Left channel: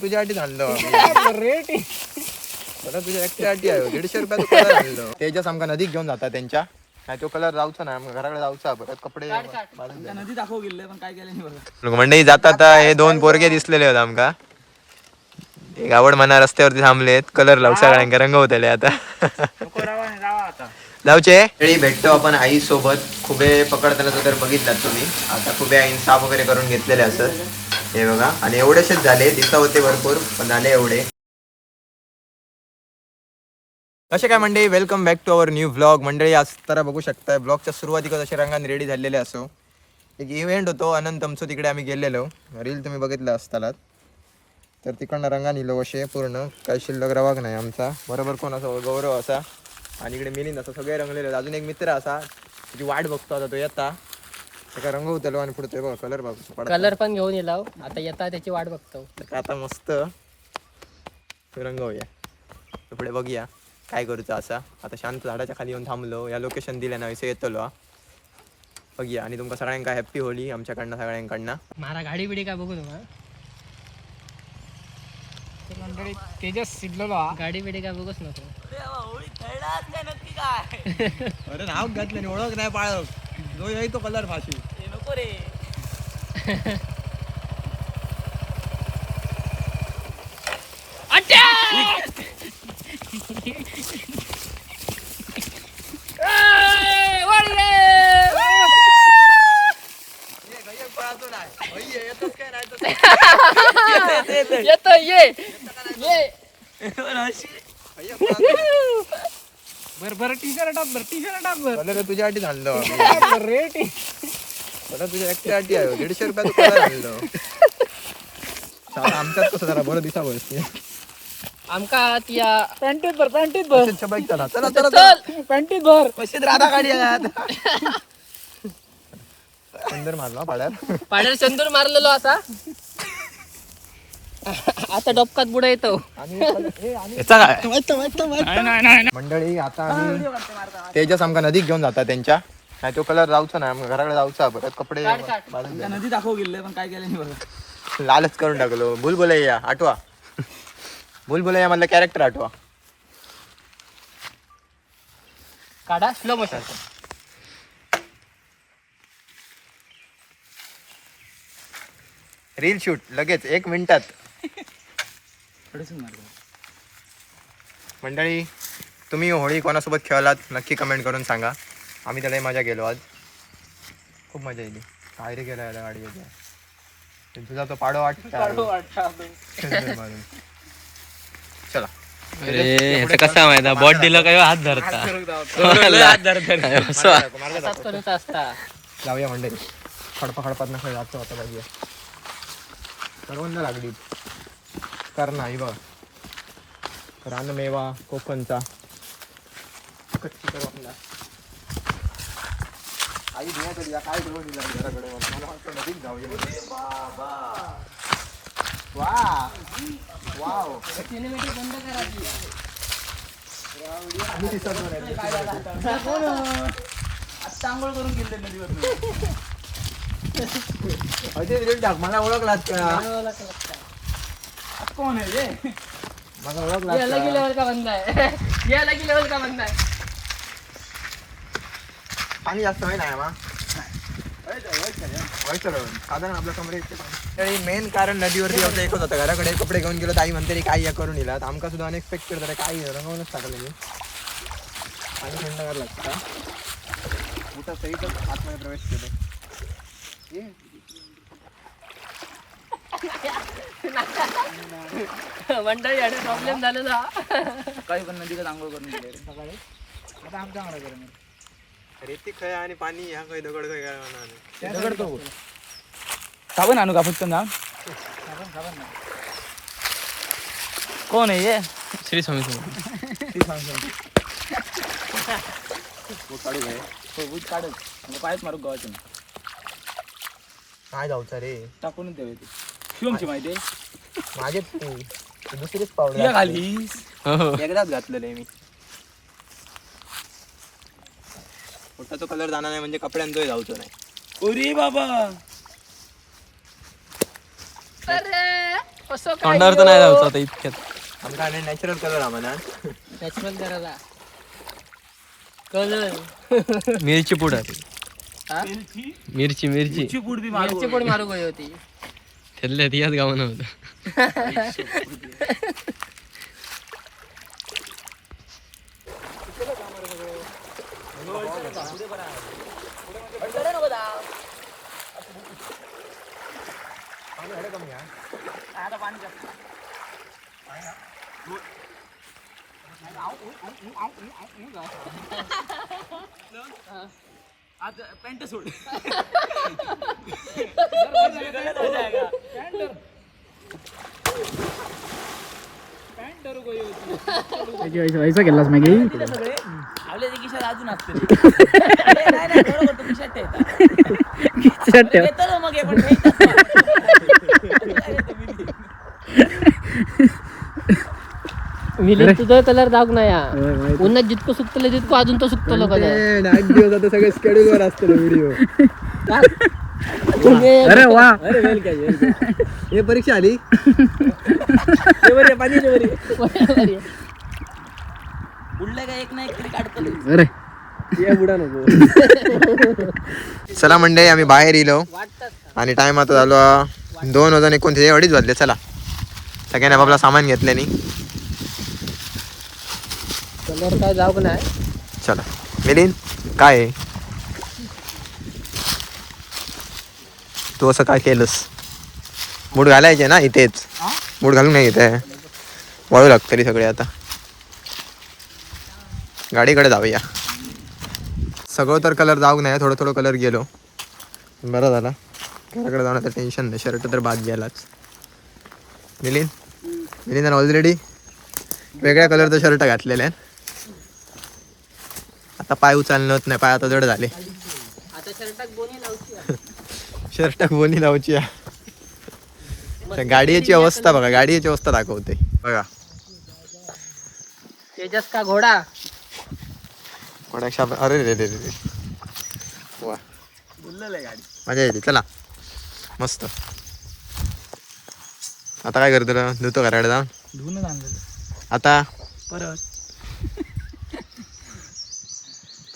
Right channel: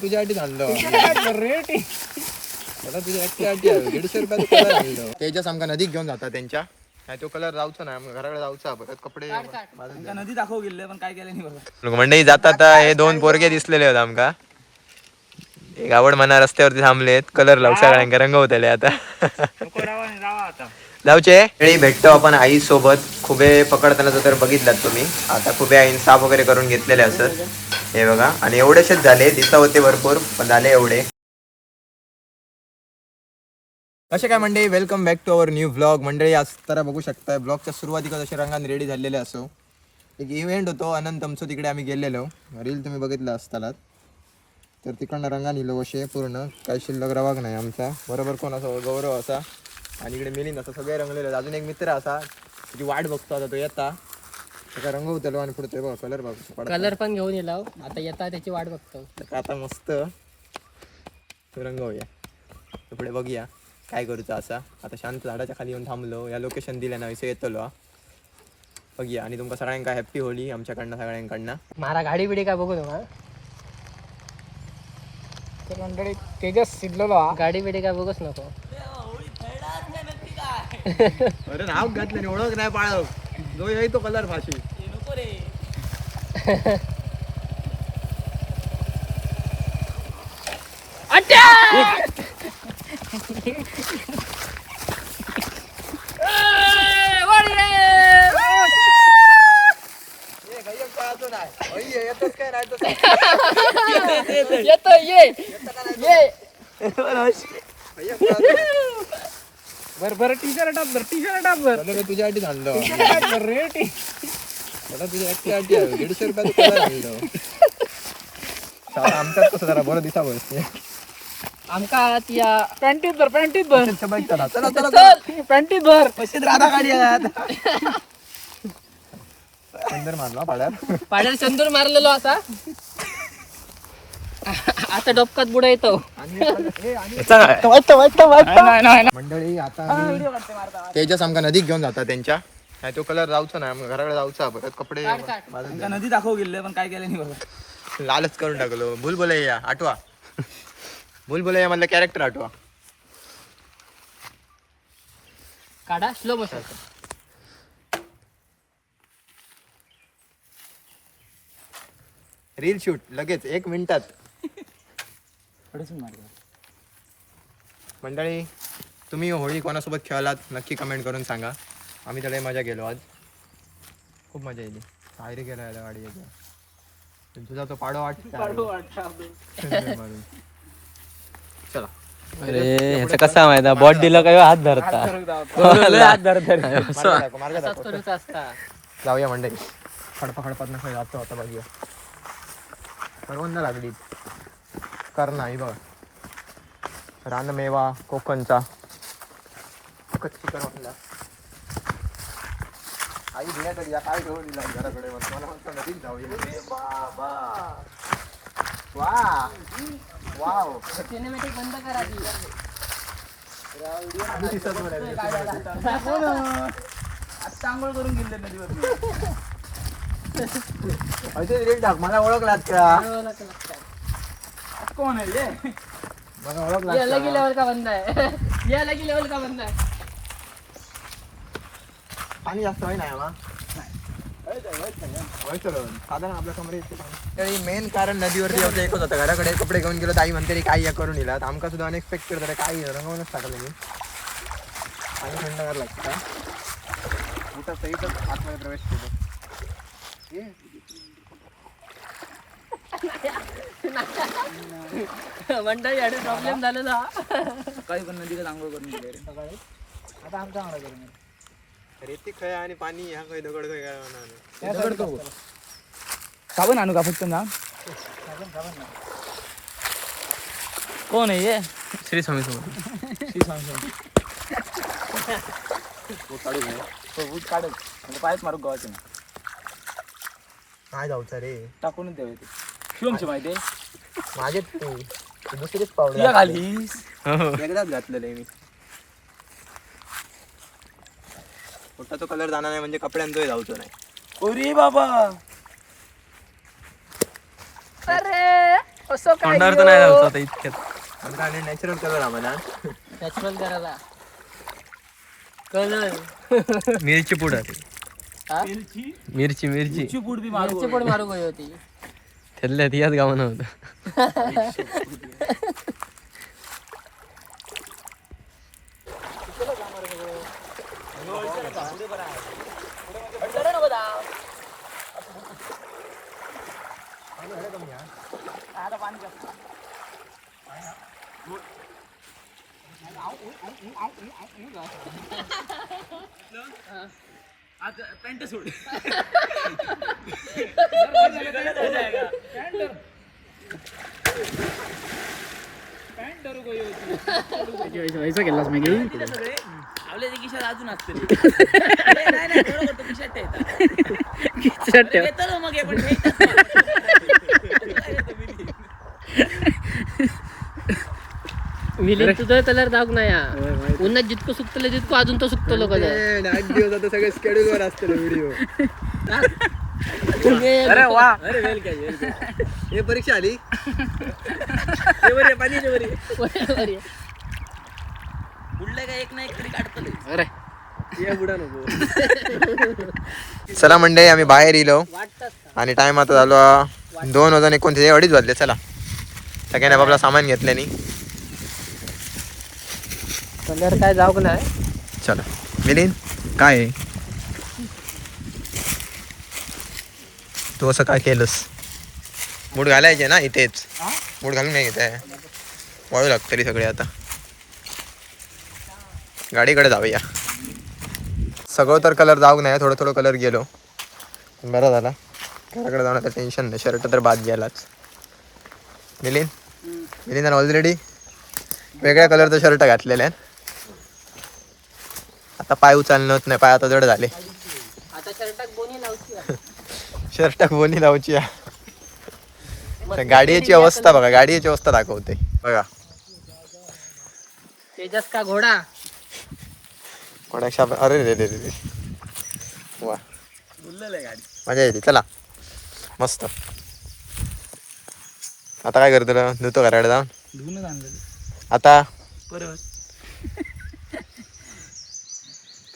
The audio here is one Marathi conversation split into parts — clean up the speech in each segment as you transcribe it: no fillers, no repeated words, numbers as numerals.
तुझ्यासाठी आणलं रेट तुझ्या एकट्यासाठी आहे 150 रुपयाचा कलर आणलं. तेजस आमका नदीत घेऊन जातात त्यांच्या नाही तो कलर जाऊचा नाही घराकडे जाऊचा परत कपडे नदी दाखव गेले पण काय केलं नाही बघा. मंडळी जातात हे दोन पोरगे दिसलेले होते आमका एक आवड मना रस्त्यावरती थांबलेत कलर लावू सगळ्यांका रंगवतले आता जाऊचे वेळी भेटतो आपण आई सोबत खुबे पकडताना तर बघितलात तुम्ही आता खुबे आईन साफ वगैरे करून घेतलेले असतात हे बघा आणि एवढेशेच झाले दिसता होते भरपूर पण झाले एवढे. कसे काय मंडळी welcome back to our new vlog. मंडळी आज तर बघू शकताय ब्लॉगच्या सुरुवातीला असे रंगाने रेडी झालेले असो एक इव्हेंट होतो अनंत आमचं तिकडे आम्ही गेलेलो रील तुम्ही बघितलं असतालात तर तिकडनं रंगा निलो असे पूर्ण काही शिल्लक रवाग नाही आमचा बरोबर कोण असा गौरव असा आणि इकडे मिलिंद असं सगळे रंगलेले अजून एक मित्र असा तुझी वाट बघतो आता तो येता त्याला रंगवतलो आणि पुढे बघ कलर बघ कलर पण घेऊन येलाव आता येता त्याची वाट बघतो आता मस्त रंगवूया पुढे बघूया काय करूचा असा आता शांत झाडाच्या खाली येऊन थांबलो या लोकेशन दिल्या ना विषय येतलो बघूया आणि तुमका सगळ्यांका हॅप्पी होली आमच्याकडनं सगळ्यांकडनं. मारा गाडी बिडी काय बघू नका तर मंडळी तेजस शिरलेलो गाडी बिडी काय बघूच नको. अरे नाव घातलं ओळख नाही पाळख जो येई तो कलर भाषी नको रे. येतो ये बर टी शर्ट टाप बर तुझ्यासाठी आणलं रेट तुझ्या एकट्यासाठी आहे 150 रुपयाचा कलर आणलं. आमच्यात कसं जरा बरं दिसा बसते आमका त्या पॅन्टीत भर चला चला चला पॅन्टीत भर पैसे राधा गाडी अंदर मारला पाड्यात पाड्याला चंदूर मारलेलो असा आता डोपकात बुडा येतो. मंडळी आता आम्ही तेजस आमका नदीत घेऊन जातात त्यांच्या नाही तो कलर जाऊचा नाही घराकडे जाऊचा परत कपडे नदी दाखव गेले पण काय केलं नाही बघा. लालच करून टाकलो बुलबुलैया आठवा बुलबुलैया मधलं कॅरेक्टर आठवा काढा स्लो मोशन रील शूट लगेच 1 मिनिटात. मंडळी तुम्ही होळी कोणासोबत खेळलात नक्की कमेंट करून सांगा. आम्ही त्याला मजा गेलो आज खूप मजा येईल. काय रे गेला याला गाडी तुझा तो पाडो चला. अरे ह्याचा कसा माहिती बॉट दिलं काय हात धरता जाऊया मंडळी खडपात नका जातो आता बघूया सर्वांना लागली करणा ही बघ रानमेवा कोकणचा कच्ची करवंदा आई घेण्यात दिला काय घेऊन दिला घराकडे मला म्हणतो नदीत जाऊया बाबा वा वाव सिनेमॅटिक बंद करा आंघोळ करून गेले नदीवर अजय टाक मला ओळखलात का कोण आहे मला ओळखलात ये अलग ही लेवल का बंदा है ये अलग ही लेवल का बंदा है. पाणी जास्त आहे ना आम्हा साधारण आपल्या कमरे मेन कारण नदीवरती यायचं एकच होतं घराकडे कपडे घेऊन गेलो आई म्हणते काय या करून येला आमका सुद्धा अनएक्सपेक्टेड तर काय रंगवूनच टाकलं मी आणि थंडगार लागतं मोठा सहितच आतमध्ये प्रवेश केलो मंडळी आणि प्रॉब्लेम झालेला काही पण नदीला आंघोळ करून गेले सकाळी आता आमचा आंघोळ केलं रेती खय आणि पाणी ह्या खय दगड खय काय साबण आणू का फक्त ना कोण आहे ये श्री स्वामी समोर काढू काय ऊस काढत पायच मारू गावाचं काय जाऊचा रे टाकूनच द्यावे ते शिवमची माहिती माझे दुसरीच पावडर घालीस एकदाच घातलेलं आहे मी पोटाचा कलर जाणार नाही म्हणजे कपड्यांचोही जाऊचो नाही. उरी बाबा अरे असं काय तोंडावर तर नाही जायचं आता इतक्यात. आमचा नॅचरल कलर हा म्हणा. नॅचरल करायला कलर मिरची पूड हा मिरची मिरची ची पूड बी मारू मिरची पण मारू गई होती. त्यातल्या याच गावानं होतं. आता पॅन्ट सोड वैसा केलास मॅगी आपल्या खिशात अजून असते नाही बरोबर तो खिशात ठेवता मग हे पण मिली तुझा कलर दाग नाही हा. उन्हात जितकं सुकतलं तितकं अजून तो सुकतलो कलर. 8 दिवस आता सगळे स्केड्यूल वर असते व्हिडिओ. अरे वा हे परीक्षा आली. बुडलं का एक ना एक तरी काढतो. अरे चला मंडळी आम्ही बाहेर येलो आणि टाइम आता झालो 2:29 अडीच वाजले. चला सगळ्यांनी आपला सामान घेतल्यानी कलर काय जाऊक नाही. चला मिलिंद काय आहे? तू असं काय केलंस? मूड घालायचे ना इथेच. मूड घालून नाही इथे वळू लागतं तरी सगळे. आता गाडीकडे जाऊया. सगळं तर कलर जाऊ नाही, थोडं थोडं कलर गेलो. बरं झाला घराकडे जाऊन आता टेन्शन नाही. शर्ट तर बाद गेलाच. मिलिंद ऑलरेडी वेगळ्या कलरचं शर्ट घातलेलं आहे. आता पाय उचलणं होत नाही, पाय आता जड झाले. आता शर्टात बोनी लावची. शर्टाक बोनी लावची. गाडीची अवस्था बघा, गाडीची अवस्था दाखवते बघा. तेजस का घोडा. अरे रे रे रे वा गाडी मजा येते. चला मस्त. आता काय करतो धुतो घराकडे जाऊन. धुवून आणलं आता परत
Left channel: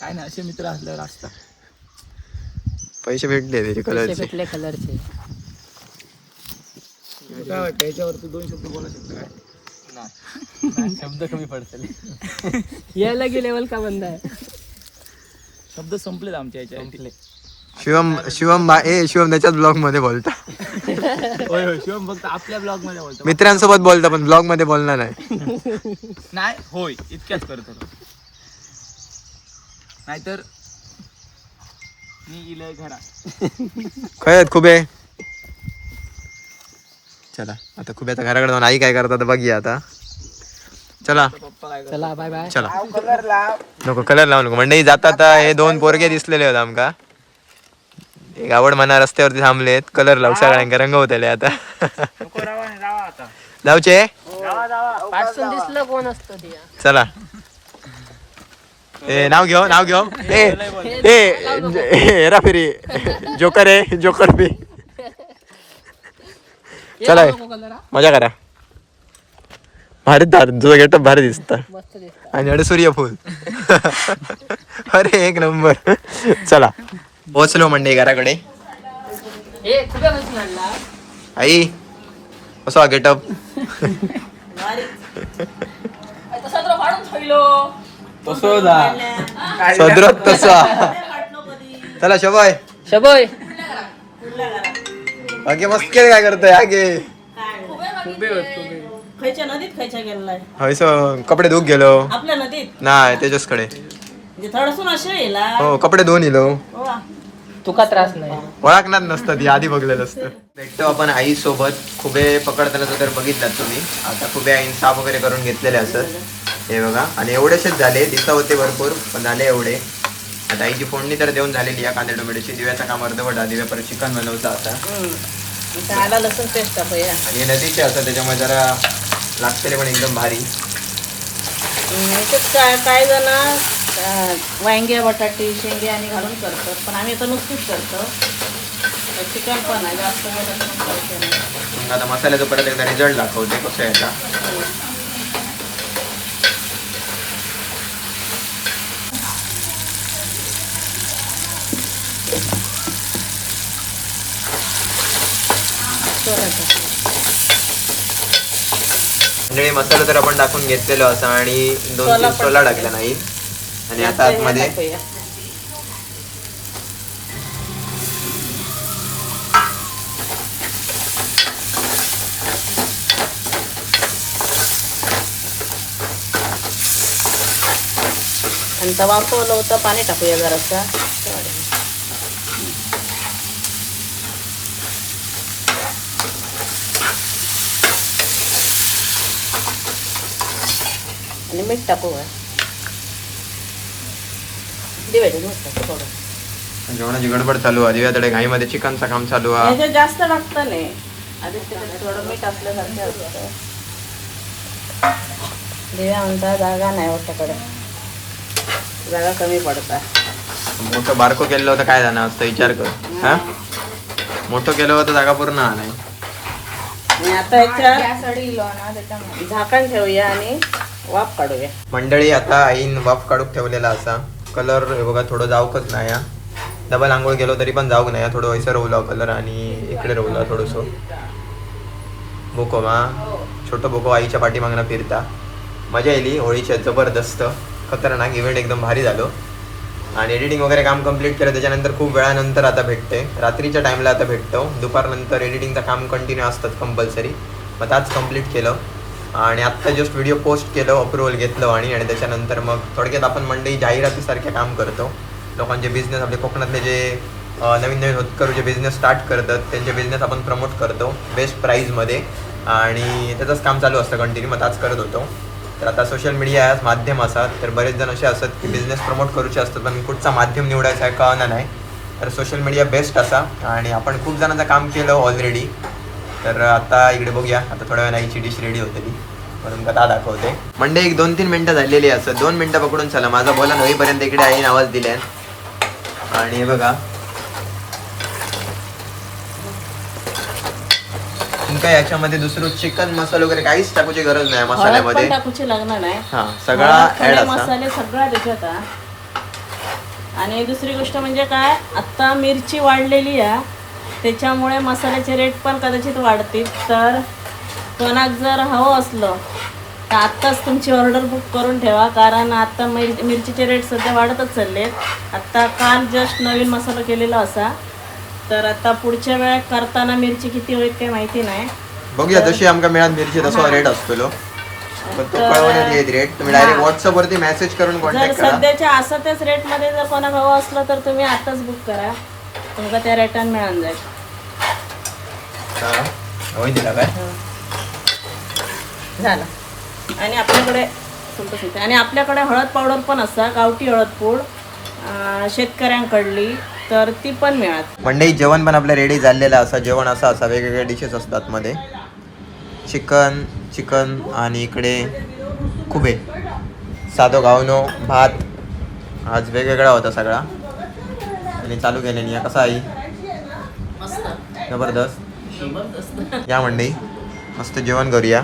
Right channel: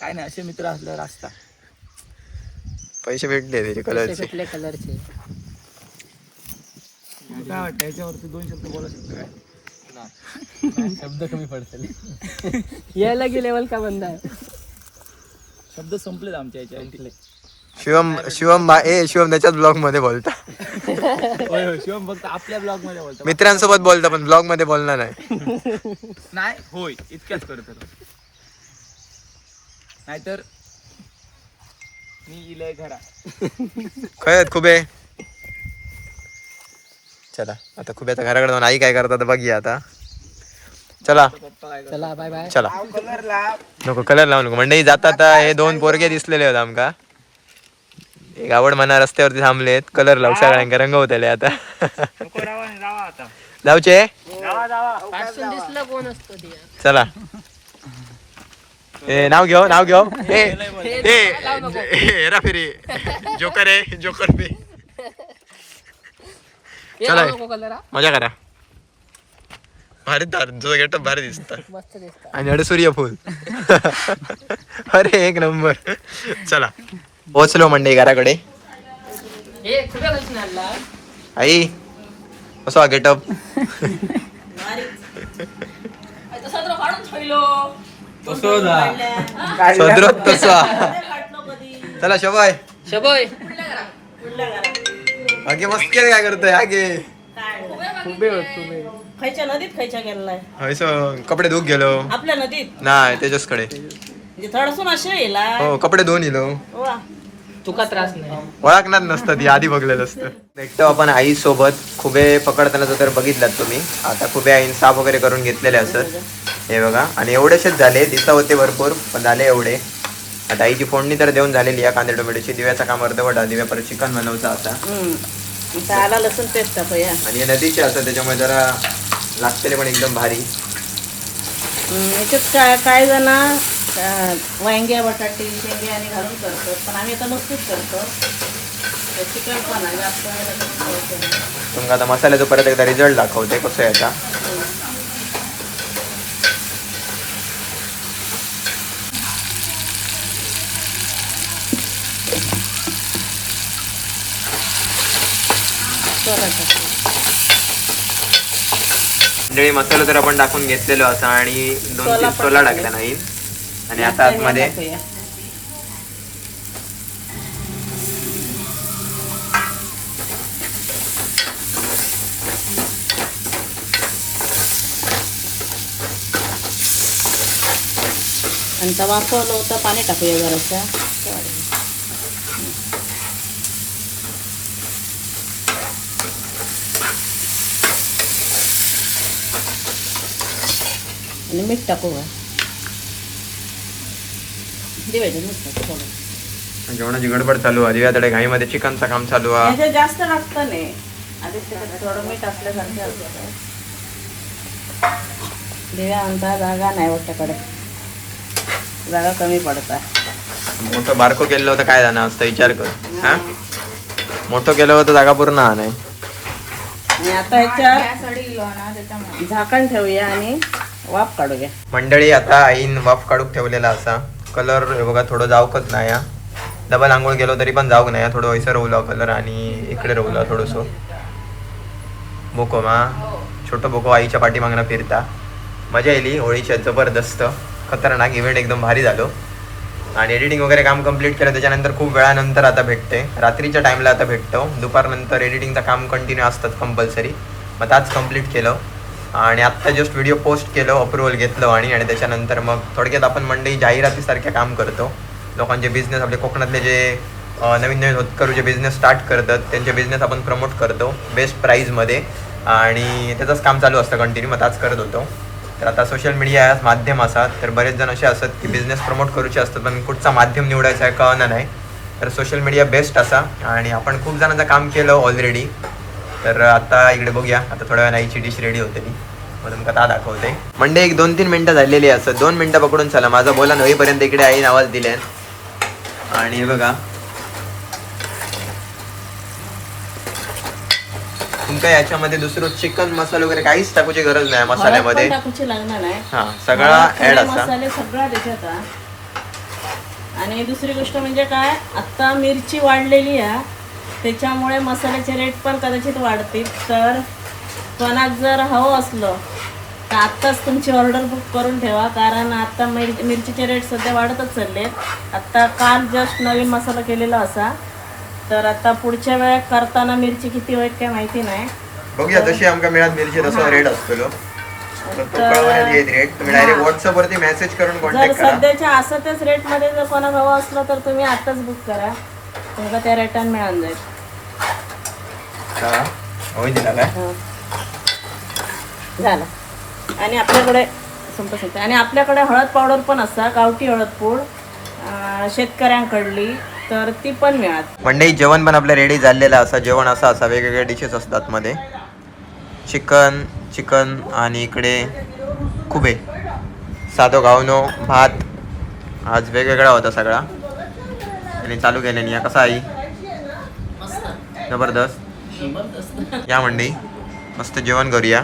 काय नाही. असे मित्र असल्यावर असता. पैसे भेटले त्याचे कलरचे. भेटले कलरचे. काय वाटतं याच्यावरती 2 शब्द बोला शकतो काय? शब्द कमी पडतील. यायला की लेवल का बंद आहे. शब्द संपलेत आमच्या याच्या. शिवम त्याच्याच ब्लॉग मध्ये बोलता. होय होय शिवम फक्त आपल्या ब्लॉग मध्ये बोलतो. मित्रांसोबत बोलता पण ब्लॉग मध्ये बोलणार नाही. नाही होय इतक्याच करतो. नाहीतर मी इलय घरा. खरंच खुबे. चला आता खुब्याच्या घराकडे जाऊन आई काय करतात बघूया आता. चला पप्पा काय चला बाय बाय. चला कलर लाव. नको कलर लावू नको. मंडळी जातात हे 2 पोरगे दिसलेले होते आमका. एक आवड म्हणा रस्त्यावरती थांबलेत. कलर लावू सगळ्यांका रंगवतले आता. आता जाऊचे पासून दिसलं कोण असतं ते. चला. ए नाव घेऊ. हेरा फेरी जोकर आहे जोकर बी. चला कलर मजा करा. भारी तुझं गेटअप भारी दिसत. मस्त दिसत. आणि अडे सूर्यफूल. अरे एक नंबर. चला पोचलो मंडई घराकडे. हे कुठे बसून आणला. आई कसा गेटअप. तसा तर काढून ठेवलो. सदरत तसा. चला शबाय शबय बाकी मस्त केलं. काय करतोय आगे खायच्या नदीत खायच्या गेलाय. कपडे धुक गेलो. आपल्या नदीत नाही त्याच्याचकडे. म्हणजे थोडसून असे येला. हो कपडे धुवून येलो. वा. तुका त्रास नाही. ओळखणार नसतं ती आधी बघलेलं असतं. भेटतो आपण आई सोबत. खुबे पकडताना तर बघितलात तुम्ही. आता खुबे आईन साफ वगैरे करून घेतलेले असतात हे बघा. आणि एवढेसेच झाले. दिसा होते भरपूर पण झाले एवढे. आता आईची फोडणी तर देऊन झालेली आहे कांदे टोमॅटोची. दिव्याचा काम अर्धवटा. दिव्या परत चिकन बनवचा आता. इथं आला लसूण पेस्ट टाकूया. आणि हे नदीचे असतात त्याच्यामुळे जरा लागतेले पण एकदम भारी. काय जण वांगे बटाटे शेंगे आणि घालून करतात पण आम्ही आता नुसतीच करतो चिकन पण आहे जास्त केलं तर मग करते नाही. तुमका आता मसाल्याचा परत एकदा रिझल्ट दाखवते कसं आहे आता. मंडळी मसाला तर आपण टाकून घेतलेलो असा आणि 2-3 सोला टाकला नाही आणि आता आतमध्ये टाकूया. आणि तवा वाफवलं होतं पाणी टाकूया जरासा आणि मीठ टाकू दिवायचं नुसतं थोडं जेवणाची गडबड चालू आहे दिव्याकडे घाईमध्ये चिकनचं काम चालू आहे. याच्यात जास्त लागतं नाही आधी त्याच्यात थोडं मीठ असल्यासारखं असतं दिव्या म्हणता जागा नाही वाटतकडे जागा कमी पडतात मोठं बारको केलं होतं काय जाणार असतं विचार कर. हा मोठं केलं होतं जागा पूर्ण हा नाही. आणि आता ह्याच्यात झाकण ठेवूया आणि वाफ काढूया. मंडळी आता आईन वाफ काढूक ठेवलेला असा कलर हे बघा थोडं जाऊकच नाही हा. डबल आंघोळ केलो तरी पण जाऊक नाही थोडं वैसं रोवला कलर आणि इकडे रोवला थोडंसं बोको मा छोटं बोको आईच्या पाठीमागनं फिरता मजा येईल होळीच्या जबरदस्त खतरनाक इव्हेंट एकदम भारी झालो आणि एडिटिंग वगैरे काम कम्प्लीट केलं त्याच्यानंतर खूप वेळानंतर आता भेटते रात्रीच्या टाईमला आता भेटतो दुपारनंतर एडिटिंगचं काम कंटिन्यू असतं कंपल्सरी मग आज कम्प्लीट केलं आणि आत्ता जस्ट व्हिडिओ पोस्ट केलं अप्रुव्हल घेतलं आणि त्याच्यानंतर मग थोडक्यात आपण मंडई जाहिरातीसारखे काम करतो लोकांचे बिझनेस आपले कोकणातले जे नवीन होतकरू जे बिझनेस स्टार्ट करतात त्यांचे बिझनेस आपण प्रमोट करतो बेस्ट प्राईजमध्ये आणि त्याचंच काम चालू असतं कंटिन्यू मग आज करत होतो. तर आता सोशल मीडिया माध्यम असतात तर बरेच जण असे असतात की बिझनेस प्रमोट करूचे असतात पण कुठचा माध्यम निवडायचा आहे कळना नाही तर सोशल मीडिया बेस्ट असा आणि आपण खूप जणांचं काम केलं ऑलरेडी. तर आता इकडे बघूया आता थोड्या वेळा आईची डिश रेडी होते मग तुमका ता दाखवते. मंडे 1-2-3 मिनटं झालेली असं 2 मिनटं पकडून चला माझा बोला होईपर्यंत इकडे आईने आवाज दिले आणि हे बघा तुमका याच्यामध्ये दुसरं चिकन मसाला वगैरे काहीच टाकूची गरज नाही मसाल्यामध्ये टाकूची लागणार नाही हा सगळा ऍड असा मसाले सगळा त्याच्यात आणि दुसरी गोष्ट म्हणजे काय आता मिरची वाढलेली आहे त्याच्यामुळे मसाल्याचे रेट पण कदाचित वाढतील तर कोणाक जर हवं असलं तर आत्ताच तुमची ऑर्डर बुक करून ठेवा कारण आता मिरचीचे रेट सध्या वाढतच चाललेत. आत्ता काल जस्ट नवीन मसाला केलेला असा तर आता पुढच्या वेळेत करताना मिरची किती होईल काय माहिती नाही बघूया जशी आमका मिळात मिरची तसा रेट असतो रेट तुम्ही डायरेक्ट व्हॉट्सअप वरती मेसेज करून जर कॉन्टॅक्ट करा. सध्याच्या असं त्याच रेटमध्ये जर कोणाक हवं असलं तर तुम्ही आत्ताच बुक करा तुमका त्या रेटान मिळून जाईल. होईल दिला काय झालं आणि आपल्याकडे संपत आणि आपल्याकडे हळद पावडर पण असता गावठी हळद पूड शेतकऱ्यांकडली तर ती पण मिळत. मंडई जेवण पण आपलं रेडी झालेलं असं जेवण असं असा वेगवेगळे डिशेस असतात मध्ये चिकन आणि इकडे खुबे साधो गावनो भात आज वेगवेगळा होता सगळा आणि चालू केल्याने कसा आई मस्त जबरदस्त जबरदस्त या मंडई मस्त जेवण करूया.